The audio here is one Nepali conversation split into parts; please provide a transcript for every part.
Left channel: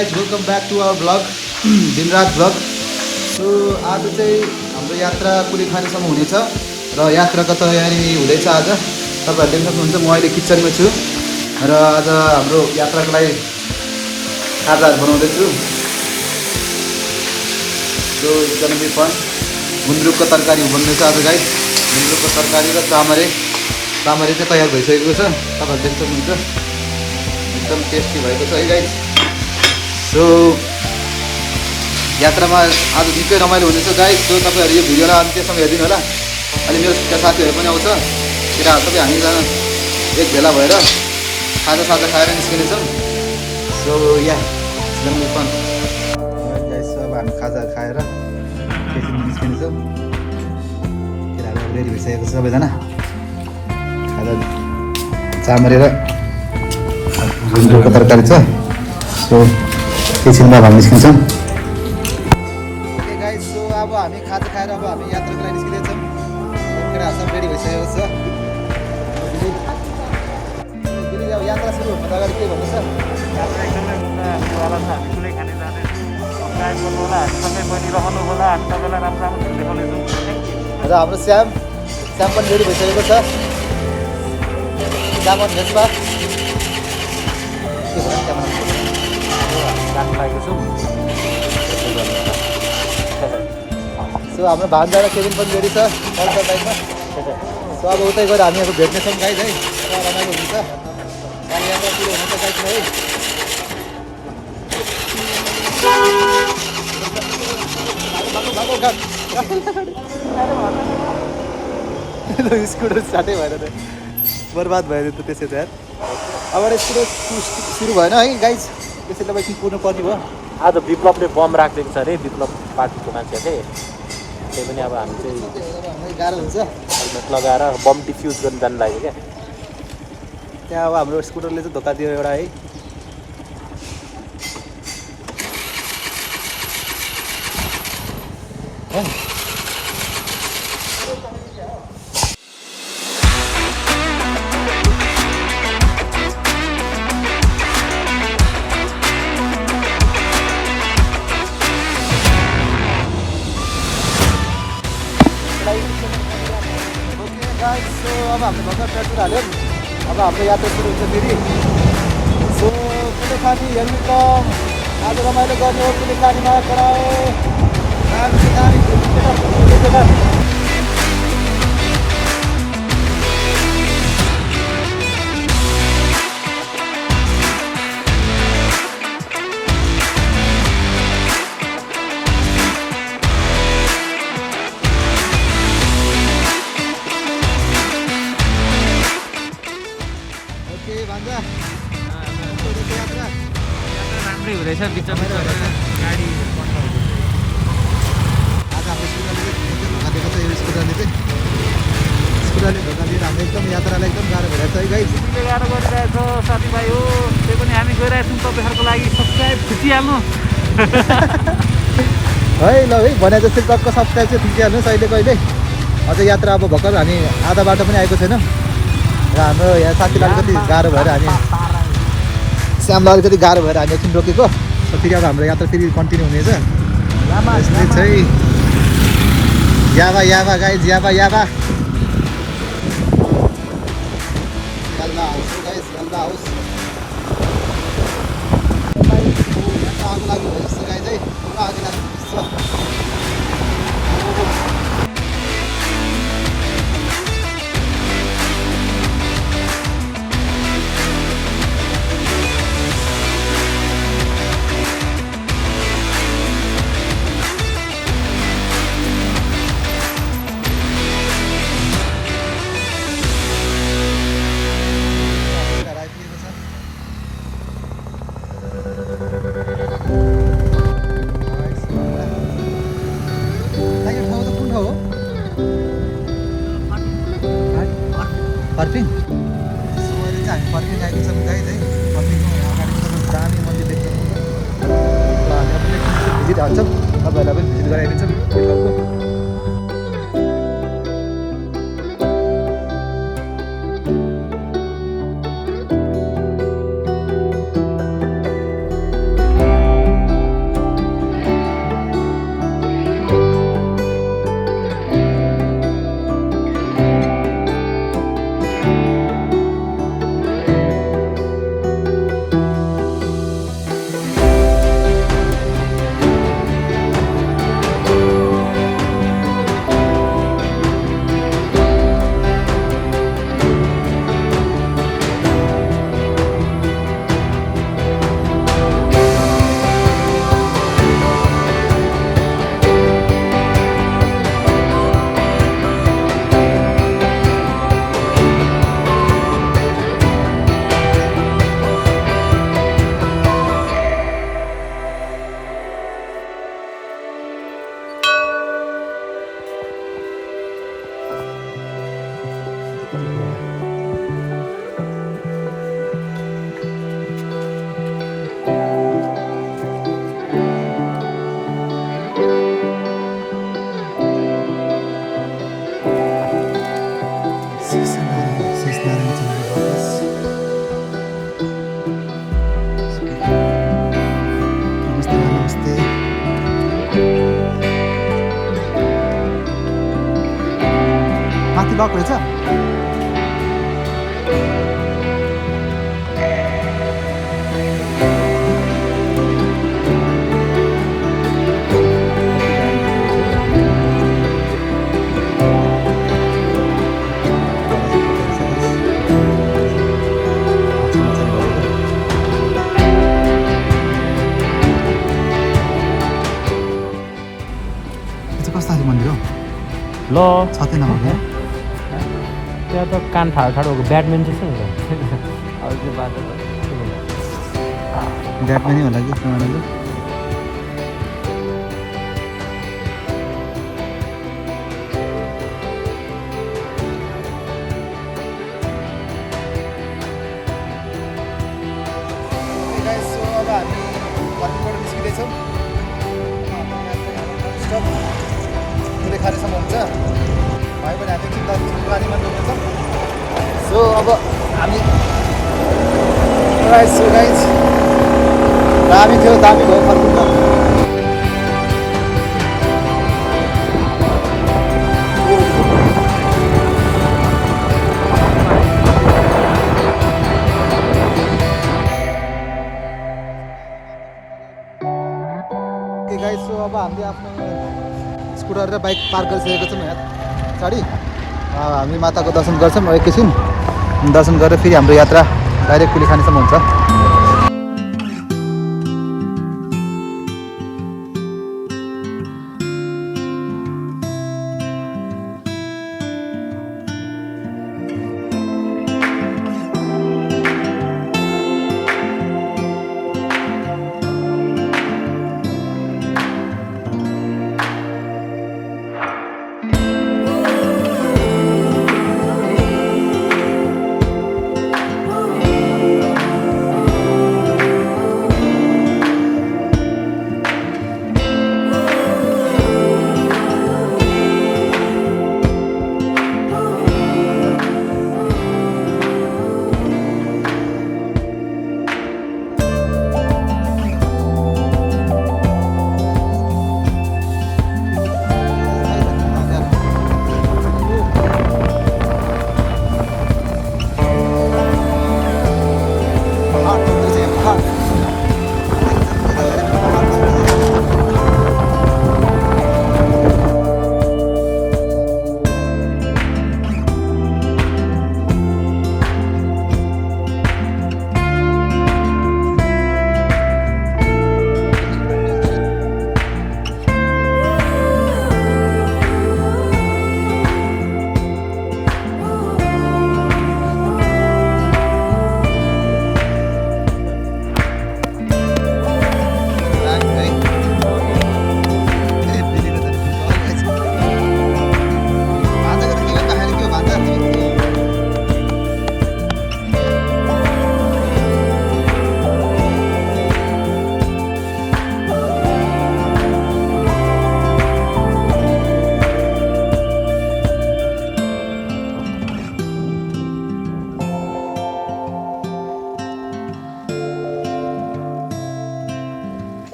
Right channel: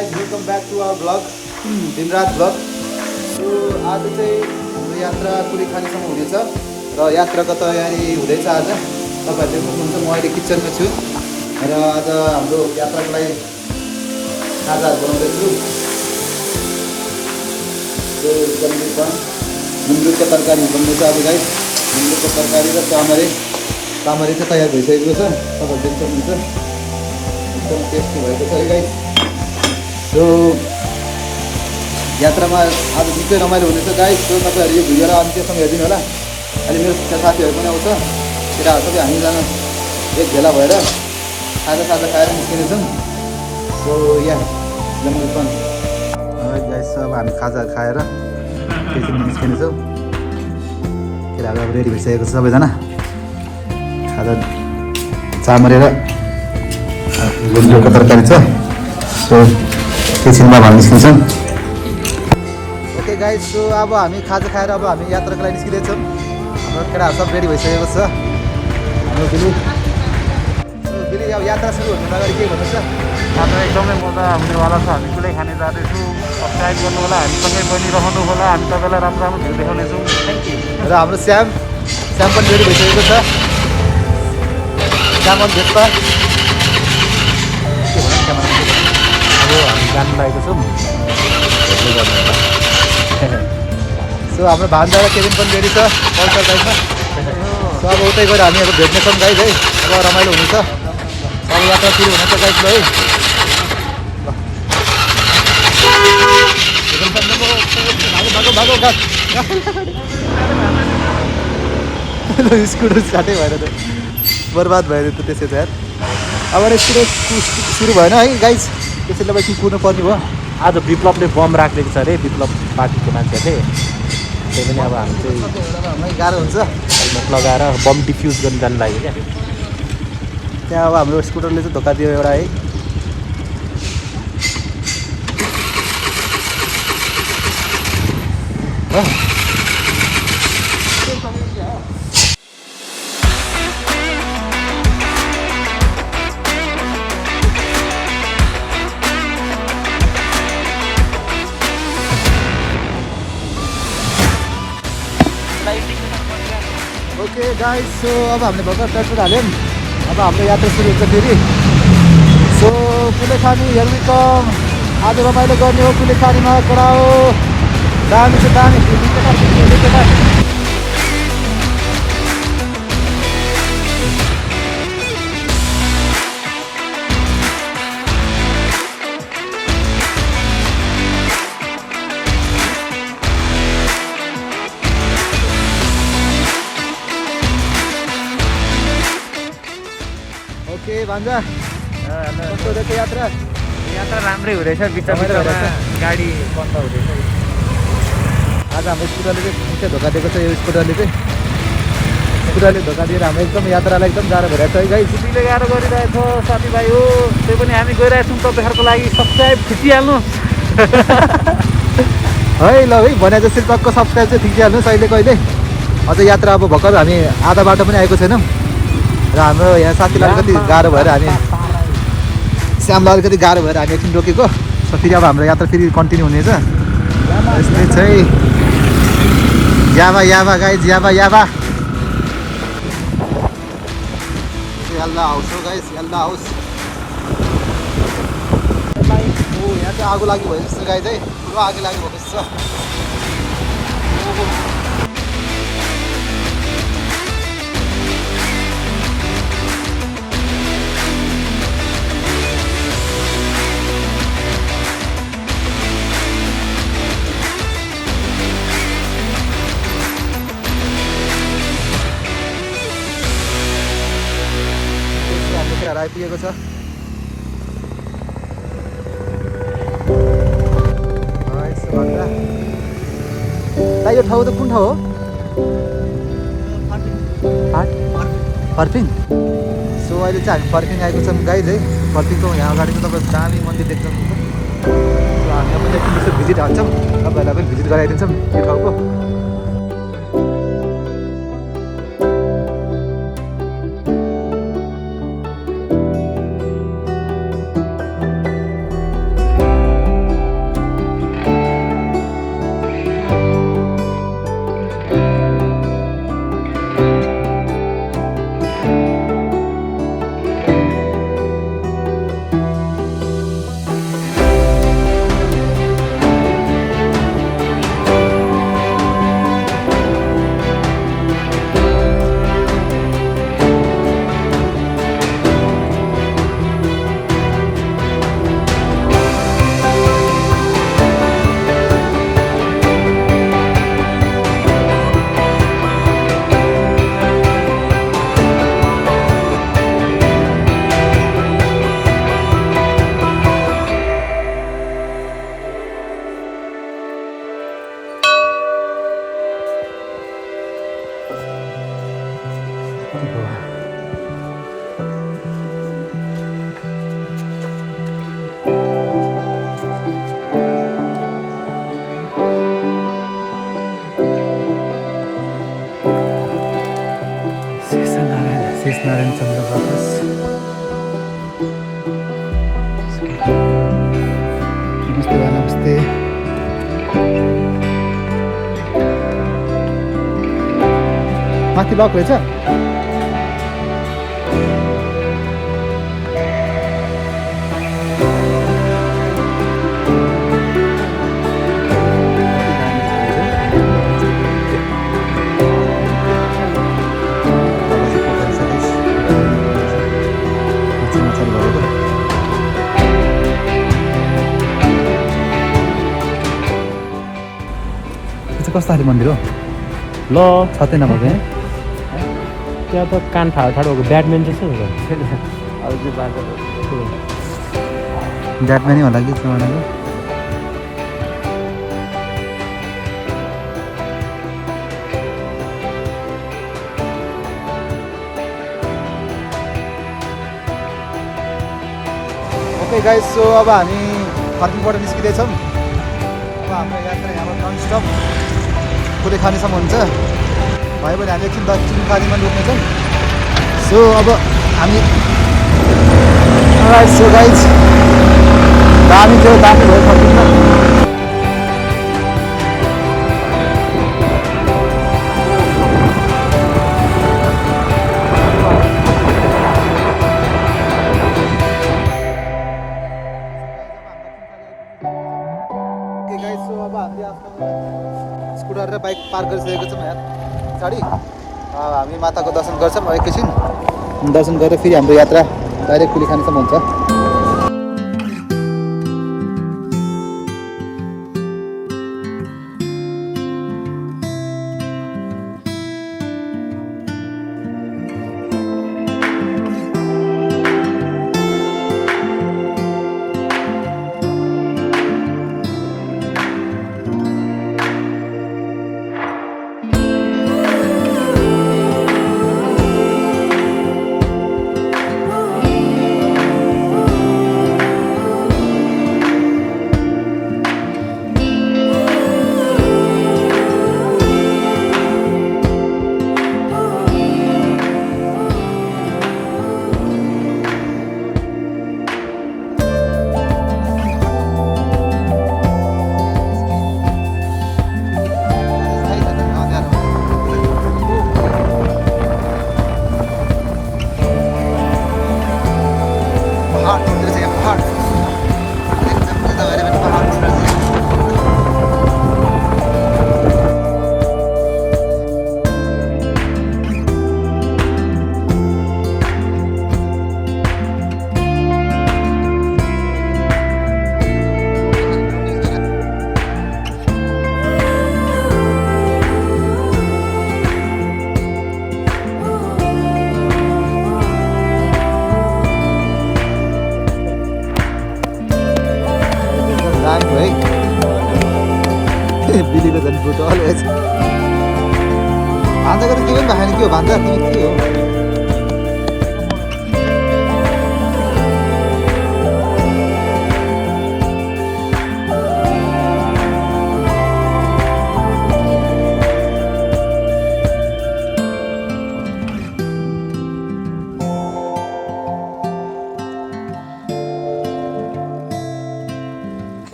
guys, welcome back to our vlog, दिनरात vlog. So आज चाहिँ हाम्रो यात्रा कुलेखानीसम्म हुनेछ र यात्राको तयारी हुँदैछ आज. तपाईहरुले देख्न सक्नुहुन्छ म अहिले किचनमा छु र आज हाम्रो यात्रालाई खाजा बनाउँदै छु. So एकदमै पनि गुन्द्रुकको तरकारी बन्दैछ आज गाइस. गुन्द्रुकको तरकारी र चामरे चाहिँ तयार भइसकेको छ. तपाईहरुले देख्न सक्नुहुन्छ एकदम टेस्टी भएको छ है गाइस. सो यात्रामा आज निकै रमाइलो हुनेछ गाइस. सो तपाईहरु यो भिडियोलाई अन्त्यसम्म हेर्दिनु होला. अनि मेरो साथीहरु पनि आउँछ. केटाहरु सबै हामीजना एक भेला भएर खाजा खाएर निस्किनेछौँ. सो या एकदमै फन गाइस. सो हामी खाजा खाएर निस्किनेछौँ. केटाहरु रेडी भइसकेको छ सबैजना. खाजा चामरे र गुन्द्रुकको तरकारी छ. सो किचनमा हामी निस्किन्छौँ. ओके गाइस, सो अब हामी खाजा खाएर अब हामी यात्राको लागि निस्किँदैछौँ. केटाहरू सब रेडी भइसकेको छ. यात्रा एकदमै मजा आउनेवाला छ. हामी कुलेखानी जाँदैछौँ. सब्सक्राइब गर्नु होला, हामीसँगै बनिरहनु होला. हामी तपाईँलाई राम्रो राम्रो भिडियो देखाउनेछौँ. Thank you. र हाम्रो श्याम पनि रेडी भइसकेको छ. गाडी लागेको छौँ. सो हाम्रो भान्जा केबिन पनि रेडी छ. गाइस है, रमाइलो हुनेछ. अब यात्रा सुरु हुनेछ गाइस है. स्कुटर साटै भएर त बर्बाद भयो त त्यसै त यार. अब स्कुटर सुरु भएन है गाइस. त्यसैले एकछिन कुर्नु पर्ने भयो. आज विप्लवले बम राखिदिएको छ अरे, विप्लव पार्टीको मान्छेहरूले. त्यही पनि अब हामी चाहिँ गाह्रो हुन्छ. हेलमेट लगाएर बम डिफ्युज गर्न जानु लाग्यो क्या. त्यहाँ अब हाम्रो स्कुटरले चाहिँ धोका दियो एउटा है. ओके गाइस, सो अब हामीले भर्खर पेट्रोल हाल्यौँ. अब हाम्रो यात्रा सुरु हुन्छ फेरि. सो कुलेखानी हेर्मिकम आज रमाइलो गर्ने हो. कुलेखानीमा कराओ दामी छ दामी. भान्जा यात्रा राम्रै हुँदैछ. बिचमा गाडी बन्द हुँदैछ. आज हाम्रो स्कुटरले चाहिँ निकै धोका दिएको छ. यो स्कुटरले धोका दिएर हाम्रो एकदम यात्रालाई एकदम गाह्रो भइरहेको छ है गाइस. स्कुटीले गाह्रो गरिरहेछ साथीभाइ हो. त्यही पनि हामी गइरहेछौँ तपाईँहरूको लागि. सब्सक्राइब थिचिहाल्नु है. ल है भने जस्तो टक्क सब्सक्राइब चाहिँ थिचिहाल्नुहोस् अहिले कहिले. अझ यात्रा अब भर्खर हामी आधा बाटो पनि आएको छैनौँ. र हाम्रो यहाँ साथीलाई कति गाह्रो भएर हामी श्यामलाई जति गाह्रो भएर हामी एकछिन रोकेको. सो फेरि अब हाम्रो यात्रा फेरि कन्टिन्यू हुनेछ. यस्तै छ है. याबा गाइज याबा याल्दा हाउस हो गाइस. याल्दा हाउस. यहाँ चाहिँ आगो लागि भयो जस्तो गाइज है. आगो लागि भएको जस्तो. आइपुगेको छ. यो ठाउँ त कुन ठाउँ हो? पर्फिङ. सो अहिले चाहिँ हामी पर्फिङ आएको छौँ गाइज है. पर्फिङको यहाँ अगाडि चाहिँ तपाईँ दामी मन्दिर देख्छ. भिजिट हुन्छौँ. भिजिट गराइदिन्छौँ यो ठाउँको. शेषनारायण चन्द्रबाकस नमस्ते नमस्ते माथि लक रहेछ कस्तो खाले मन्दिर हो ल छतै नभएको त्यहाँ त कान फाडो फाडो ब्याटम्यान जस्तो हुन्छ अब त्यो बाटो ब्याटम्यानै होला कि त्यो भनेको ओके गाइस सो अब हामी पार्किङबाट निस्किँदैछौँ अब हाम्रो यात्रा यहाँबाट नन स्टप कुलेखानीसम्म हुन्छ भयो भने हामी एकछिन दार्जिलिङकालीमा डुब्नेछौँ सो अब हामी सो गाइज दामी थियो दामी भयो फर्किन्छ गाइज सो अब हामीले आफ्नो स्कुटर र बाइक पार्क गरिसकेको छौँ यहाँ पछाडि हामी माताको दर्शन गर्छौँ एकैछिन दर्शन गरेर फेरि हाम्रो यात्रा डाइरेक्ट कुलेखानीसम्म हुन्छ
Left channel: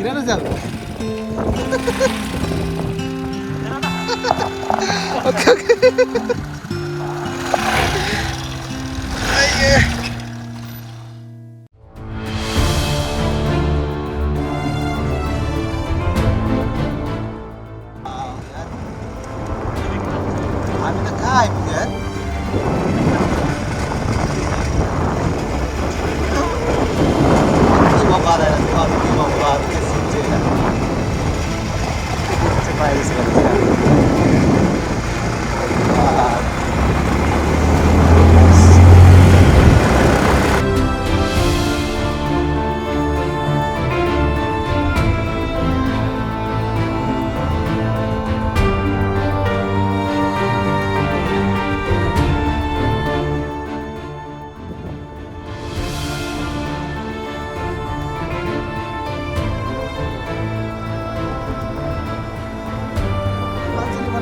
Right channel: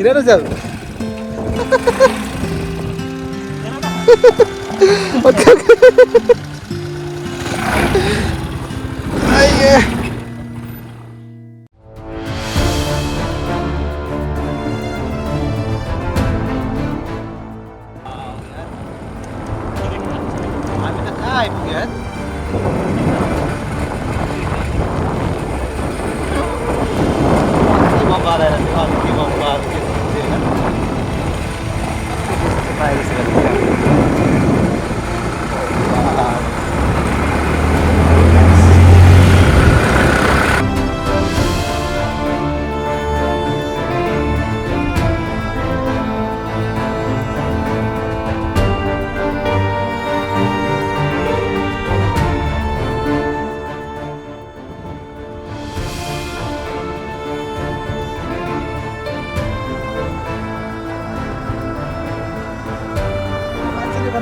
Gimana Zal? Oke oke. Ayo. Kami nak kain kan?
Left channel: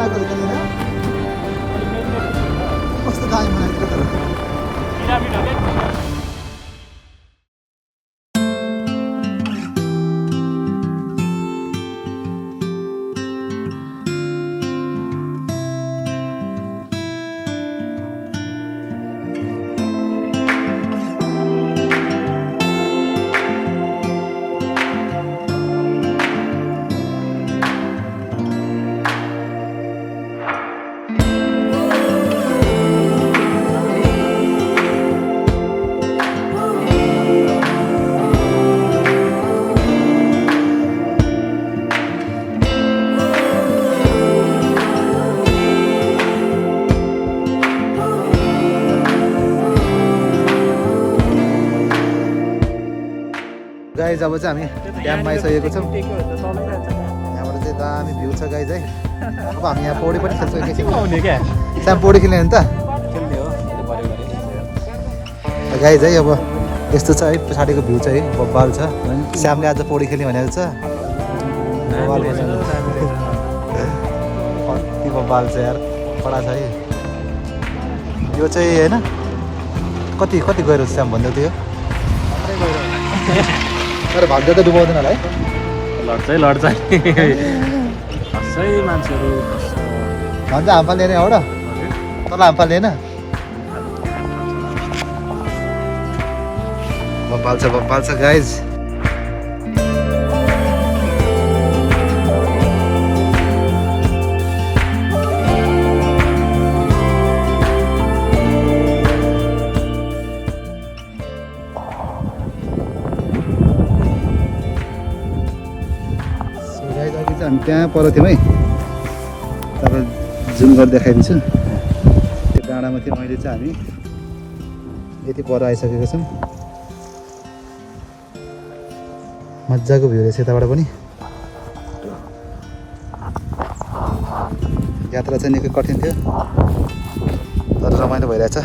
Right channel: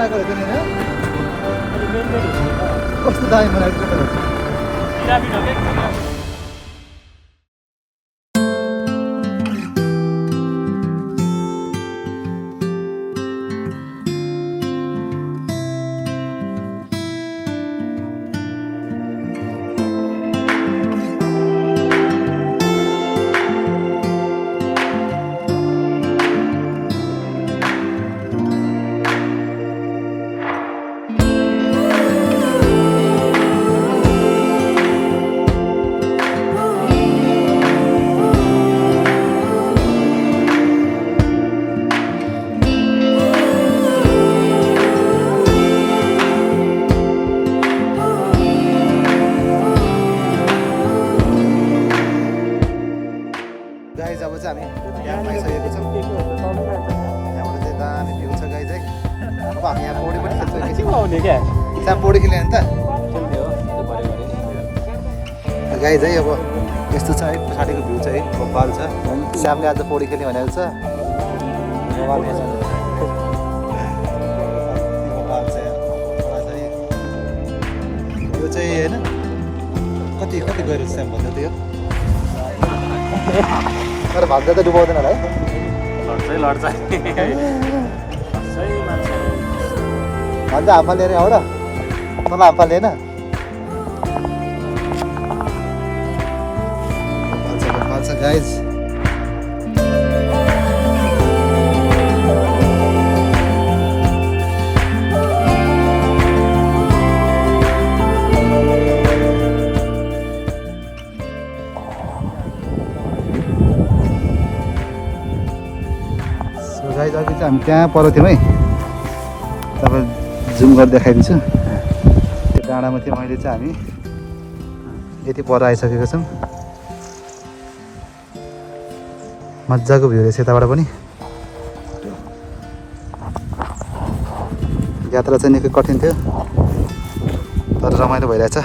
बनाएको रहेछ नि होइन कस्तो दामी बनाएको थियो तर गाइज अब चाहिँ हामी ड्याममा आइसकेको छौँ यहाँबाट चाहिँ दामी भ्यू छ गाइज है अब हामी यहाँ पौडी पनि खेल्छौँ एकैछिन सानो पौडी खेल्ने नि त गाइज है अब यस्तो छ है पछाडिको भ्यू चाहिँ बब्बाल छ श्यामले आज पौडी खेल्ने भनेको छ बब्बाल छ यार कडा छ है यो चाहिँ होइन कति कति गएर श्याम भन्दै थियो तर भाग्य त डुबाउँदैन होला है लड्छ खसै मान्छेहरू भन्छ हाम्फा लिने हो र तँलाई हाम्फा लिएन बब्बाल छ गाइज गाइज अघि चाहिँ हामी त्यहाँ पर थियौँ है तपाईँ जुम गरेर देखाइदिन्छु त्यो डाँडामा थियो अहिले चाहिँ हामी यति पर आइसकेको छौँ मजाको भ्यू रहेछ यताबाट पनि यात्रा चाहिँ निकै कठिन थियो तर रमाइलो भइरहेछ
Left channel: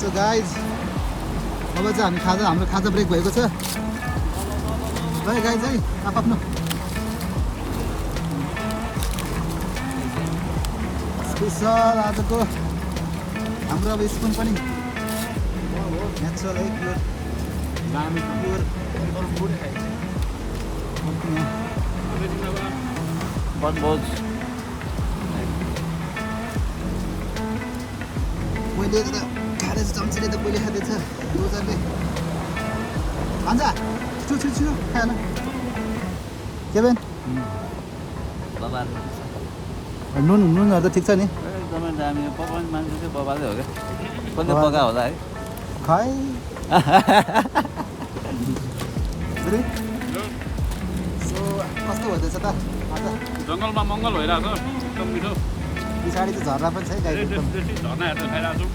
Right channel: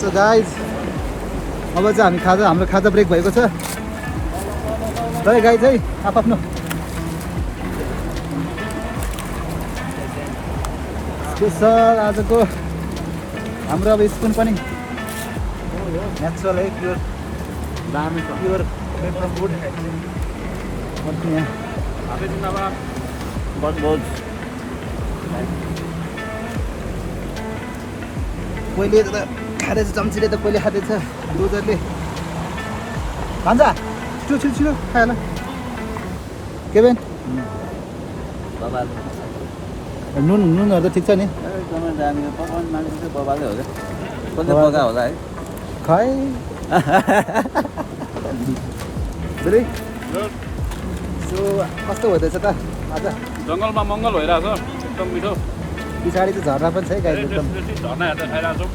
सो गाइज अब चाहिँ हामी हाम्रो खाजा ब्रेक भएको छ ल गाइज है आफ्नो स्पेसल आजको हाम्रो अब स्पुन पनि नेचुरल है प्योर दामी छ प्योर फ्रम फुड यहाँ बनभोज पहिले त खाँदैछ चम्चीले त पहिले खाँदैछ लुजरले भान्जा छिटो छिटो खायो होला के बेन नुनहरू त ठिक छ नि खै सो कस्तो हुँदैछ त आज जङ्गलमा मङ्गल भइरहेको छ एकदम मिठो पछाडि त झरना पनि छ है गाई एकदम झर्ना हेर्दै खाइरहेको छौँ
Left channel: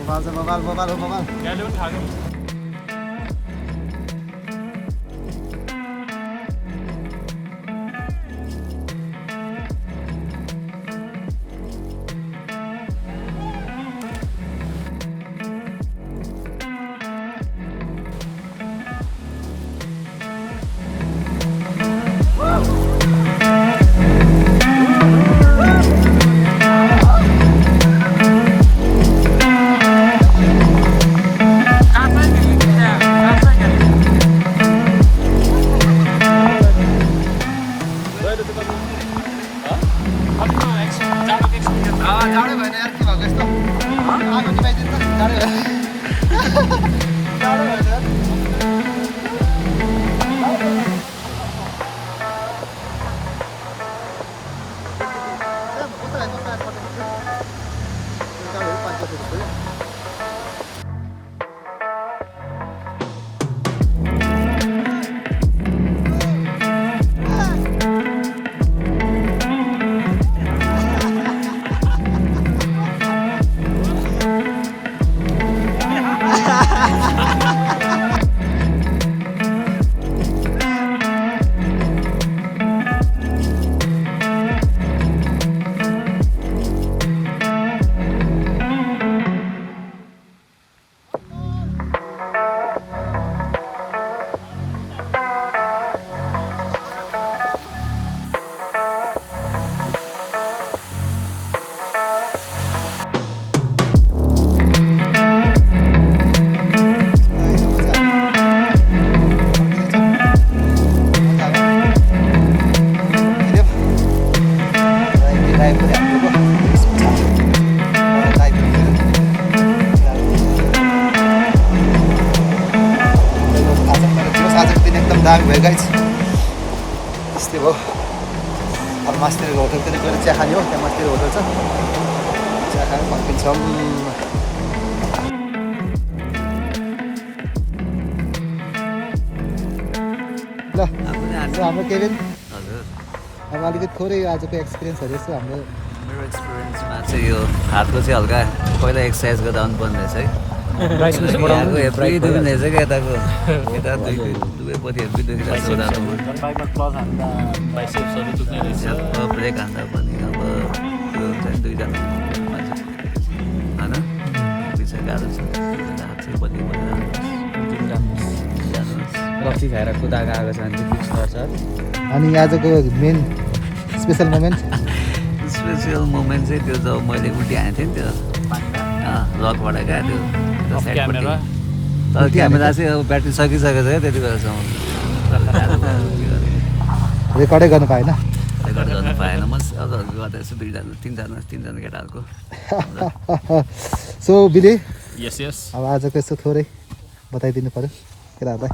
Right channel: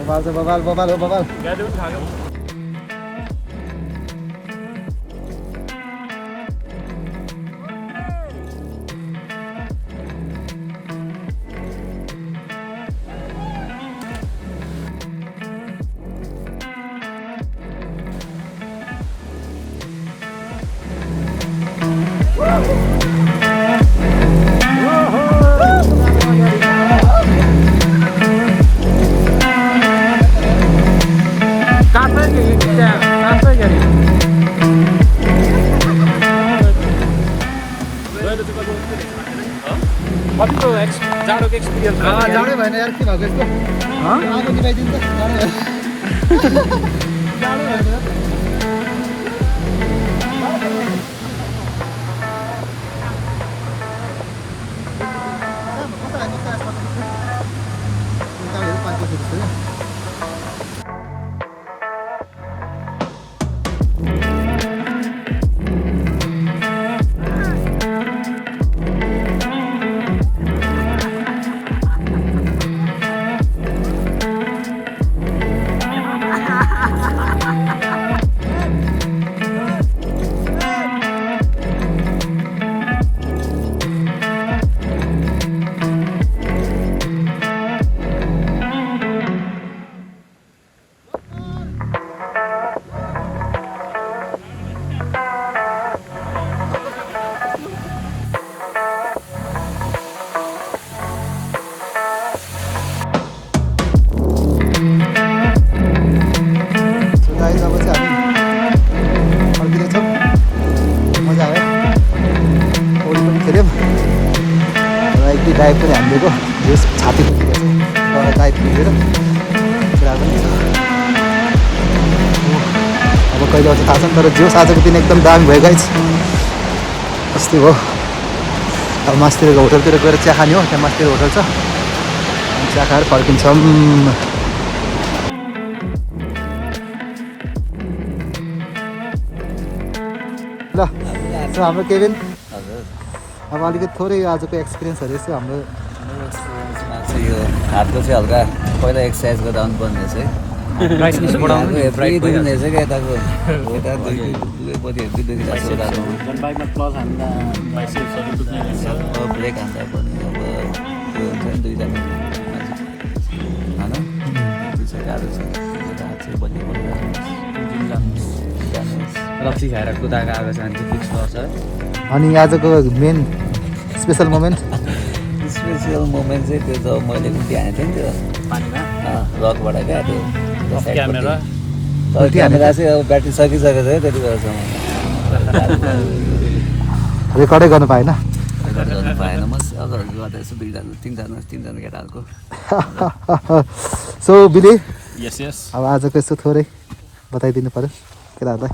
बबाल छ बबाल बबाल हो बबाल गाडी पनि खायो जाडै भएन यार के भएको यस्तो आगो निभाइदिनु त जाडै तर जोस आजको दिन एकदम दामी भयो गाइज यस्तै भयो अब मास्तिरको होटलतिर गएर चिया खाने हो त्यहाँ मास्तिर होटल छ चिया खाएर फर्किन्छौँ ल हाम्रो केबिन हजुर अब अलिकति थोरै आजको एक्सपिरियन्सहरू यसो हाम्रो मेरो एक्सपिरियन्समा चाहिँ यो हातको चाहिँ हल्का पहिला एक्सर्साइज गर्दा आउनुपर्ने रहेछ है यहाँको हेप्री दुख्ने रहेछ क्या यताको यता दुईपट्टि हेप्री दुखिरहेको छ रातोमा बाइकमा क्लच हान्दा बाइसेप्सहरू दुख्ने रहेछ अब ब्रेक हान्दा पनि अब त्यो हुन्छ नि दुईजना मान्छे होइन हेप्री छ गाह्रो छ दुईजना हात चाहिँ बल्ली जानुहोस् रक्सी खाएर कुदाएर आएको छ भने चाहिँ फिक्स गर्छ अनि आजको main special moment special moment चाहिँ त्यो जब मैले उल्टी हानेको थिएँ नि त्यो पानीमा रकबाट क्या त्यो क्यामेरा तर क्यामेरा चाहिँ अब ब्याट्री सकिसकेको छ है त्यति बेलासम्म रेकर्डै गर्नु पाएन रेकर्ड गर्नु पाएन म अब गर्दा यसो तिनजना केटाहरूको सो बिले यस यस अब आजको यसो थोरै बताइदिनु पर्यो केटाहरूलाई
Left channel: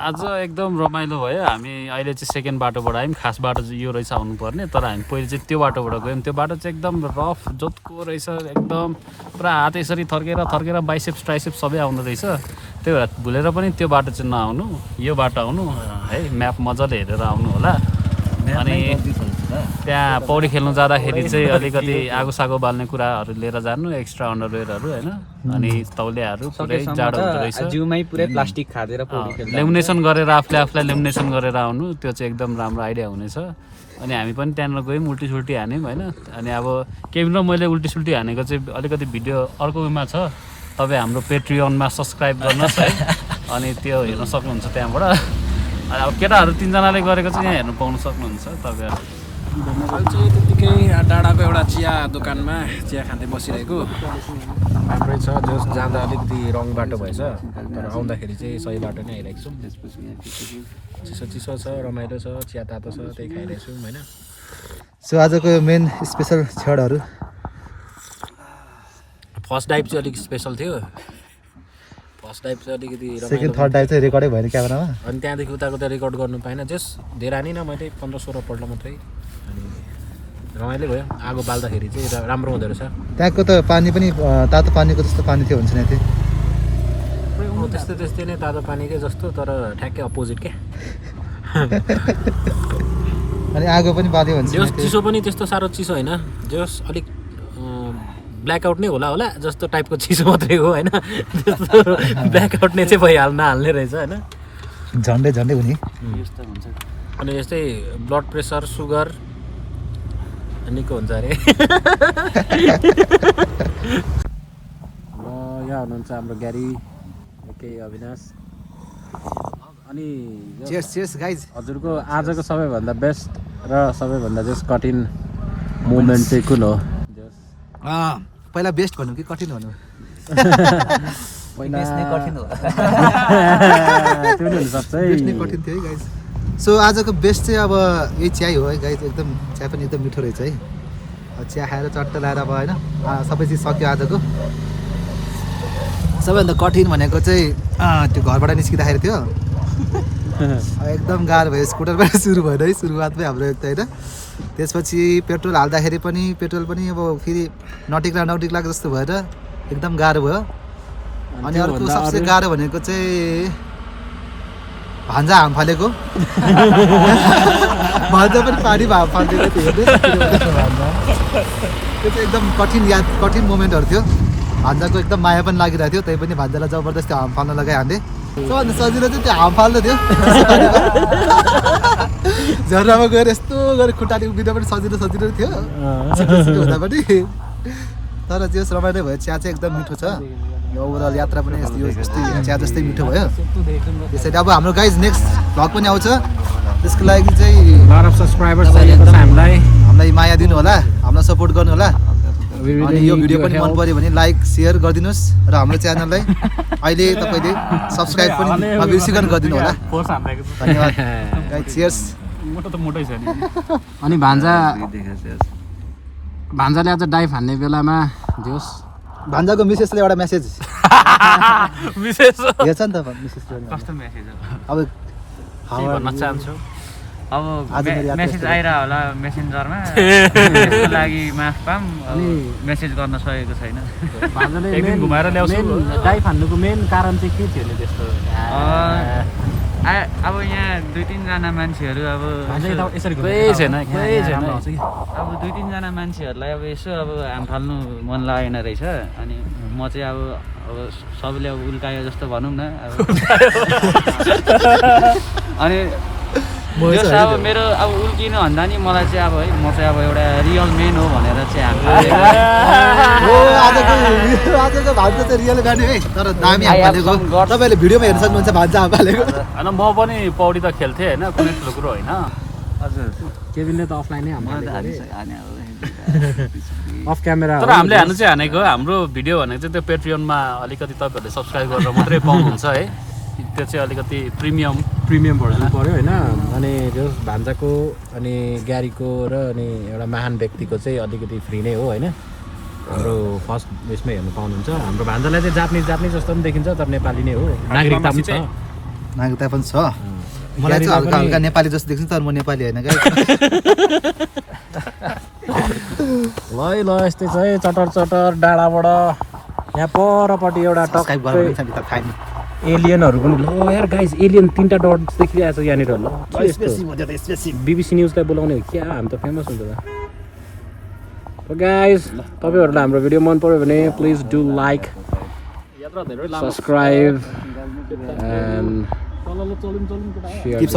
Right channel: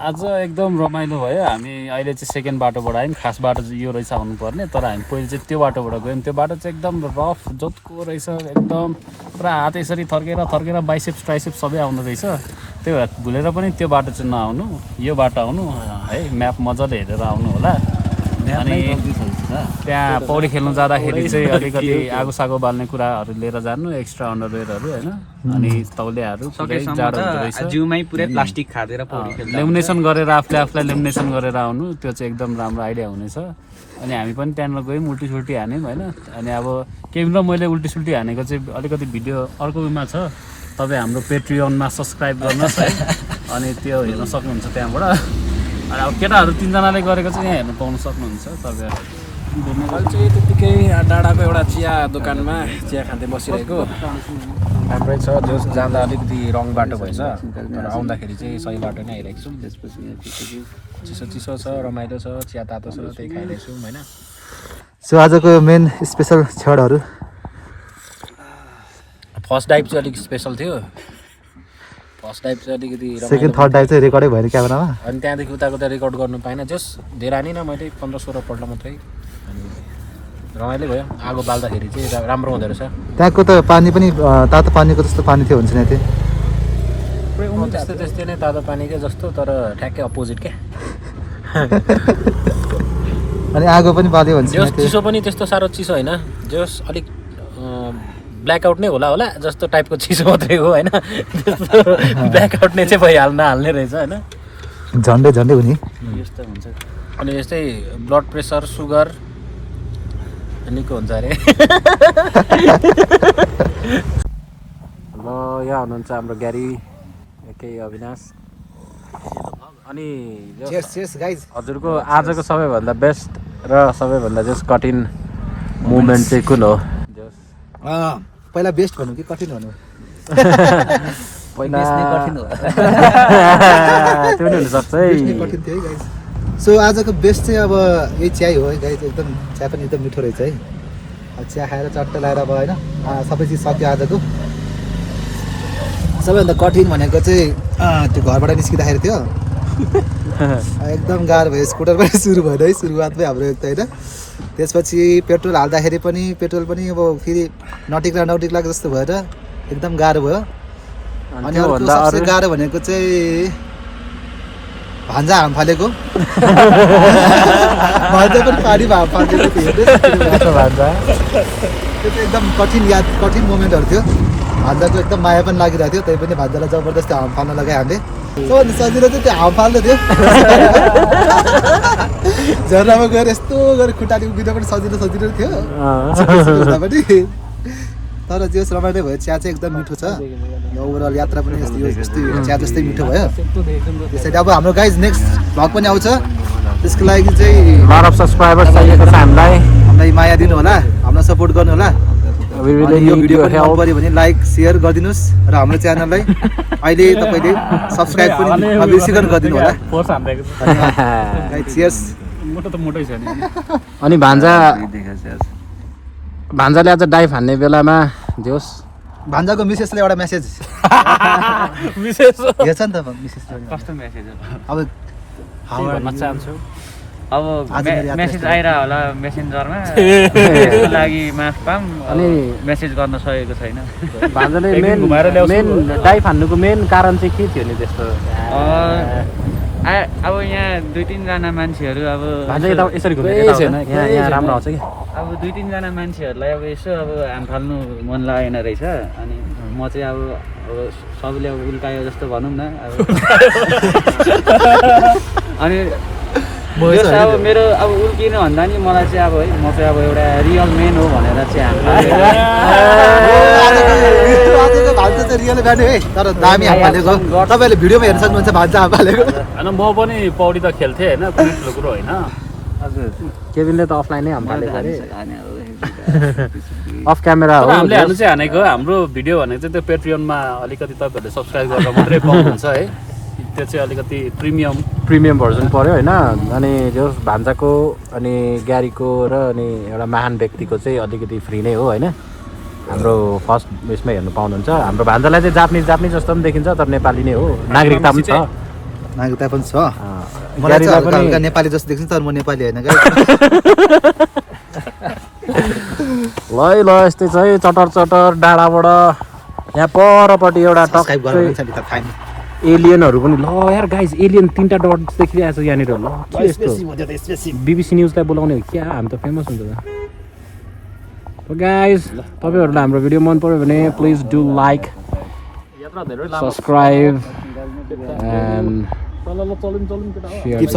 आज एकदम रमाइलो भयो हामी अहिले चाहिँ सेकेन्ड बाटोबाट आयौँ खास बाटो चाहिँ यो रहेछ आउनुपर्ने तर हामी पहिले चाहिँ त्यो बाटोबाट गयौँ त्यो बाटो चाहिँ एकदम रफ जोतको रहेछ एकदम पुरा हात यसरी थर्केर बाइसेप्स ट्राइसेप्स सबै आउँदो रहेछ त्यही भएर भुलेर पनि त्यो बाटो चाहिँ नआउनु यो बाटो आउनु है म्याप मजाले हेरेर आउनु होला अनि त्यहाँ पौडी खेल्नु जाँदाखेरि चाहिँ अलिकति आगो बाल्ने कुराहरू लिएर जानु एक्स्ट्रा अन्डरवेयरहरू होइन अनि तौलियाहरू पुरै जाडो हुँदो रहेछ प्लास्टिक खाँदेर लेमिनेसन गरेर आफूलाई लेमिनेसन गरेर आउनु त्यो चाहिँ एकदम राम्रो आइडिया हुनेछ अनि हामी पनि त्यहाँनिर गयौँ उल्टी हान्यौँ होइन अनि अब केही न मैले उल्टी हानेको चाहिँ अलिकति भिडियो अर्को उयोमा छ तपाईँ हाम्रो पेट्रियनमा सब्सक्राइब गर्नुहोस् है अनि त्यो हेर्न सक्नुहुन्छ त्यहाँबाट अनि अब केटाहरू तिनजनाले गरेको चाहिँ यहाँ हेर्नु पाउनु सक्नुहुन्छ तपाईँहरू अहिले चाहिँ त्यत्तिकै डाँडाको एउटा चिया दोकानमा चिया खाँदै बसिरहेको राम्रै छ जस जाँदा अलिकति रङ बाटो भएछ तर आउँदाखेरि चाहिँ सही बाटो नै आइरहेको छौँ चिसो छ रमाइलो छ चिया तातो छ त्यही खाइरहेको छौँ होइन सो आजको मेन स्पेसल क्षणहरू फर्स्ट डाइभ चाहिँ अलिक स्पेसल थियो फर्स्ट डाइभ चाहिँ अलिकति सेकेन्ड थर्ड डाइभ चाहिँ रेकर्डै भएर क्यामेरामा अनि त्यहाँदेखि उताको त रेकर्ड गर्नु पाइनँ जस धेरै हानिनँ मैले 15-16 पल्ट मात्रै अनि रमाइलो भयो आगो बाल्दाखेरि चाहिँ राम्रो हुँदो रहेछ त्यहाँको त पानी पनि तातो पानीको जस्तो पानी थियो हुन्छ नि त्यस्तै नै तातो पानी क्या जस्तो तर ठ्याक्कै अपोजिट क्या अनि आगो पनि बाल्यो भन्छ जस चिसो पनि त्यस्तो साह्रो चिसो होइन जस अलिक ब्ल्याकआउट नै होला जस्तो टाइपको चिसो मात्रै हो होइन त्यस्तो ब्ल्याकआउट नै चाहिँ भइहाल्न हाल्ने रहेछ होइन झन्डै हुने यस्तो हुन्छ अनि यस्तै ब्लड प्रेसर सुगर निको हुन्छ अरे ल यहाँ हुनुहुन्छ हाम्रो ग्यारी केही अविनाश अनि चेस गाइज हजुरको आजको सबैभन्दा बेस्ट र सबैभन्दा चाहिँ कठिन मोमेन्ट चाहिँ कुन हो पहिला बेस्ट भनौँ कि कठिन भनौँ कठिन हो बेस्ट नै कठिन थियो है गाइज सो आजको बेस्ट चाहिँ अब यही चिया हो है गाइज एकदम चिया पनि एकदम मिठो रहेछ है अब चिया खाएर चट्ट लगाएर अब होइन सबै चिज सक्यो आजको सबैभन्दा कठिन भनेको चाहिँ त्यो घरबाट निस्किँदाखेरि थियो एकदम गाह्रो भयो स्कुटरबाट सुरु भएन है सुरुवातमै हाम्रो एक त होइन त्यसपछि पेट्रोल हाल्दाखेरि पनि पेट्रोल पनि अब फेरि नटिक्ला जस्तो भएर एकदम गाह्रो भयो अनि अर्को सबसे गाह्रो भनेको चाहिँ भान्जा हाम फालेको भान्जा पनि पानी हाम फालेको थियो त्यो चाहिँ एकदम कठिन मोमेन्टहरू थियो भान्जाको एकदम माया पनि लागिरहेको थियो त्यही पनि भान्जालाई जबरजस्ती हाम फाल्न लगायो हामीले सबभन्दा सजिलो चाहिँ त्यो हाम फाल्दै थियो झरनामा गएर यस्तो गरेर खुट्टाले उभिँदा पनि सजिलो थियो हुँदा पनि तर जे होस् रमाइलो भयो चिया चाहिँ एकदम मिठो छ यो ओभरअल यात्रा पनि यस्तै चिया जस्तै मिठो भयो त्यसरी अब हाम्रो गाइज नेक्स्ट भ्लग पनि आउँछ त्यसको लागि चाहिँ लट अफ सब्सक्राइबर्स चाहिएको छ हामीलाई माया दिनु होला हामीलाई सपोर्ट गर्नु होला अनि यो भिडियो पनि मन पऱ्यो भने लाइक सेयर गरिदिनुहोस् र हाम्रो च्यानललाई अहिले तपाईँले सब्सक्राइब पनि नबिर्सिकन गरिदिनु होला धन्यवाद गाइज चियर्स मोटै छैन अनि भान्जाले आज डाइभ हान्ने बेलामा जोस् भान्जाको मिसेसले एउटा मेसेज विशेष हेर्छ नि त मिसेसले कस्तो मेसेज हो अब के भन्न चाहन्छु अब मेसेज आइरह होला मेसेन्जरमा त्यसको लागि माफ पाम अनि मेसेज गर्न सकेको छैन भान्जाले मेन डाइभ हान्नुको मेन कारण चाहिँ के थियो नि त्यस्तो अब यहाँ 2-3 जना मान्छेहरू अब यसरी छैन राम्रो आउँछ कि अब 2-3 जना मान्छेहरूलाई अब यसो अब हाम फाल्नु मन लागेन रहेछ अनि म चाहिँ अब सबैले अब उल्कायो जस्तो भनौँ न अब अनि जस अब मेरो अब उल्किनु भन्दा नि मलाई चाहिँ अब है म चाहिँ अब एउटा रियल मेन हो भनेर चाहिँ हाम रियल गाडी है तर दामी हाम फालेको तपाईँहरूले भिडियोमा हेर्न सक्नुहुन्छ भान्जा हाम फालेको होइन म पनि पौडी त खेल्थेँ होइन कुनै ठुलो कुरो होइन हजुर केबिनले त अफलाइनै हाम फालेको अफ क्यामेरा तर हामीले हाल्नु चाहिँ हानेको हाम्रो भिडियो भनेको चाहिँ त्यो पेट्रियनमा अलिकति तपाईँहरूले सब्सक्राइब गरेर मात्रै पाउनुहुन्छ है त्यो चाहिँ अलिकति प्रिमियम भर्जन पऱ्यो होइन अनि जो भान्जाको अनि ग्यारीको र अनि एउटा महान व्यक्तिको चाहिँ अलिकति फ्री नै हो होइन हाम्रो फर्स्ट उयसमै हेर्नु पाउनुहुन्छ हाम्रो भान्जालाई चाहिँ जापानिज जस्तो पनि देखिन्छ तर नेपाली नै हो नागरिकता पनि छ मलाई चाहिँ हल्का हल्का नेपाली जस्तो देख्छ तर म नेपाली होइन क्या ल यस्तै छ है चटर डाँडाबाट यहाँ परपट्टि एउटा एलियनहरू पनि ल यार गाइज एलियन 3टा डट देखिरहेको छ यहाँनिर ल बिबिसी न्युजलाई बोलाउने हो क्या हामी त फेमस हुन्छ त गाइज तपाईँहरूलाई हाम्रो भिडियो मन पर्यो भने please do like subscribe and keep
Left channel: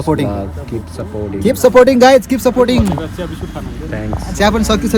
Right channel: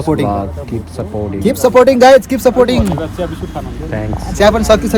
supporting guys, keep supporting. Thanks. Siapa yang sakit